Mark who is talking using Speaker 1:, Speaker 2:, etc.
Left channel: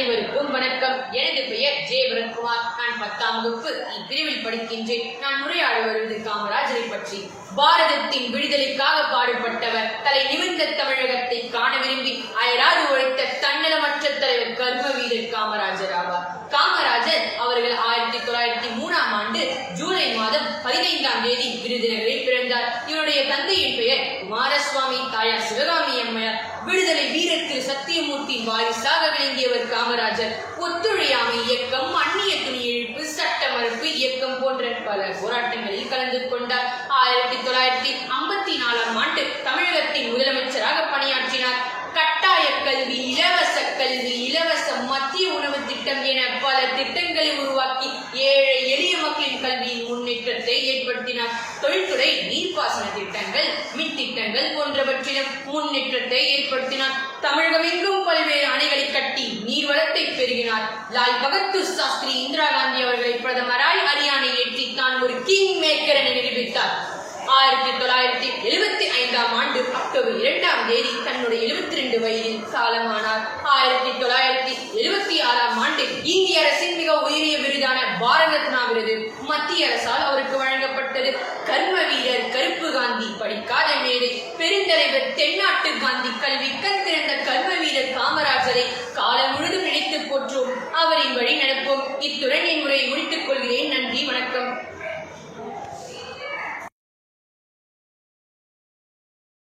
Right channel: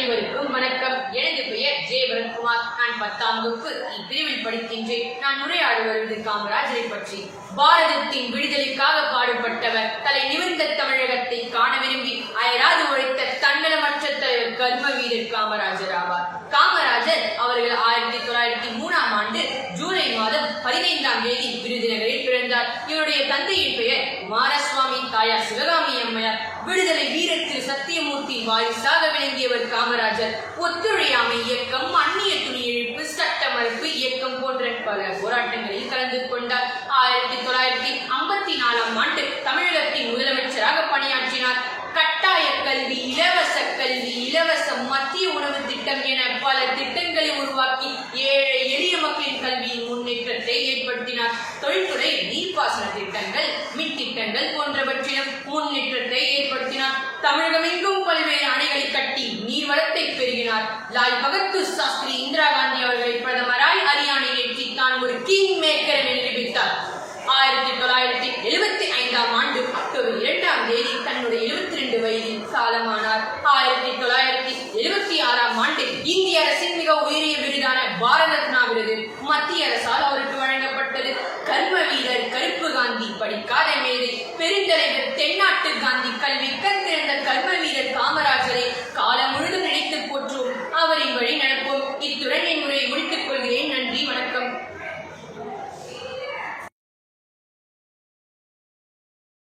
Speaker 1: அனைவருக்கும் வணக்கம். எனது பெயர் ஜே. பரத்குமார் நான் பத்தாம் வகுப்பு இப்பிரிவில் படிக்கின்றேன். நான் உரையாட வருவது காமராஜரை பற்றி. பாரதத்தின் விடுதலைக்காக பாடுபட்டவர் தலை நிமிர்ந்த தமிழகத்தை காண விரும்பி அயராது உழைத்த தன்னலமற்ற தலைவர் கர்ம வீரர் காமராஜர் ஆவார். காமராஜர் அவர்கள் ஆயிரத்தி தொள்ளாயிரத்தி மூணாம் ஆண்டு ஜூலை மாதம் பதினைந்தாம் தேதி விருதுநகரில் பிறந்தார் இவருடைய தந்தையின் பெயர் குமாரசுவாமி தாயார் சிவகாமி அம்மையார். விடுதலை வீரர் திரு சத்தியமூர்த்தி வாரிசாக விளங்கியவர் காமராஜர். ஒத்துழையாமை இயக்கம் அந்நிய துணி இழுப்பு சட்ட மறுப்பு இயக்கம் போன்ற பல போராட்டங்களில் கலந்து கொண்டார். ஆயிரத்தி தொள்ளாயிரத்தி ஐம்பத்தி நாலாம் ஆண்டு தமிழகத்தின் முதலமைச்சராக பணியாற்றினார். கட்டாய கல்வி இலவச கல்வி இலவச மத்திய உணவு திட்டம் என பல திட்டங்களை உருவாக்கி முன்னேற்றத்தை ஏற்படுத்தினார் தொழில்துறை நீர்ப்பாசன திட்டங்கள் மின் திட்டங்கள் போன்றவற்றிலும் முன்னேற்றத்தை ஏற்படுத்தினார். தமிழகமெங்கும் பல்வேறு அணைகளை கட்டி நீர்வளத்தை பெருகினார். லால் பகதூர் சாஸ்திரி இந்திரா காந்தி அவர்களை பிரதமராய் அரியானை ஏற்றி தான் ஒரு கிங் மேக்கர் என நிரூபித்தார். ஆயிரத்தி தொள்ளாயிரத்தி எழுபத்தி ஐந்தாம் ஆண்டு அக்டோபர் இரண்டாம் தேதி தன்னுடைய எழுபத்தி ரெண்டு வயதில் காலமானார். ஆயிரத்தி தொள்ளாயிரத்தி எழுபத்தி ஆறாம் ஆண்டு இந்திய அரசின் மிக உயரிய விருதான பாரத ரத்னா விருது மத்திய அரசால் அவருக்கு கர்ம வீரர் கருப்பு காந்தி படிக்காத மேடு. பெருந்தலைவர் தென்னாட்டு காந்தி கல்வி கந்திருந்த கர்ம வீரர் காமராஜரை காலம் முழுதும் நினைத்து போற்றோம். அவரின் வழி நடப்போம். இத்துடன்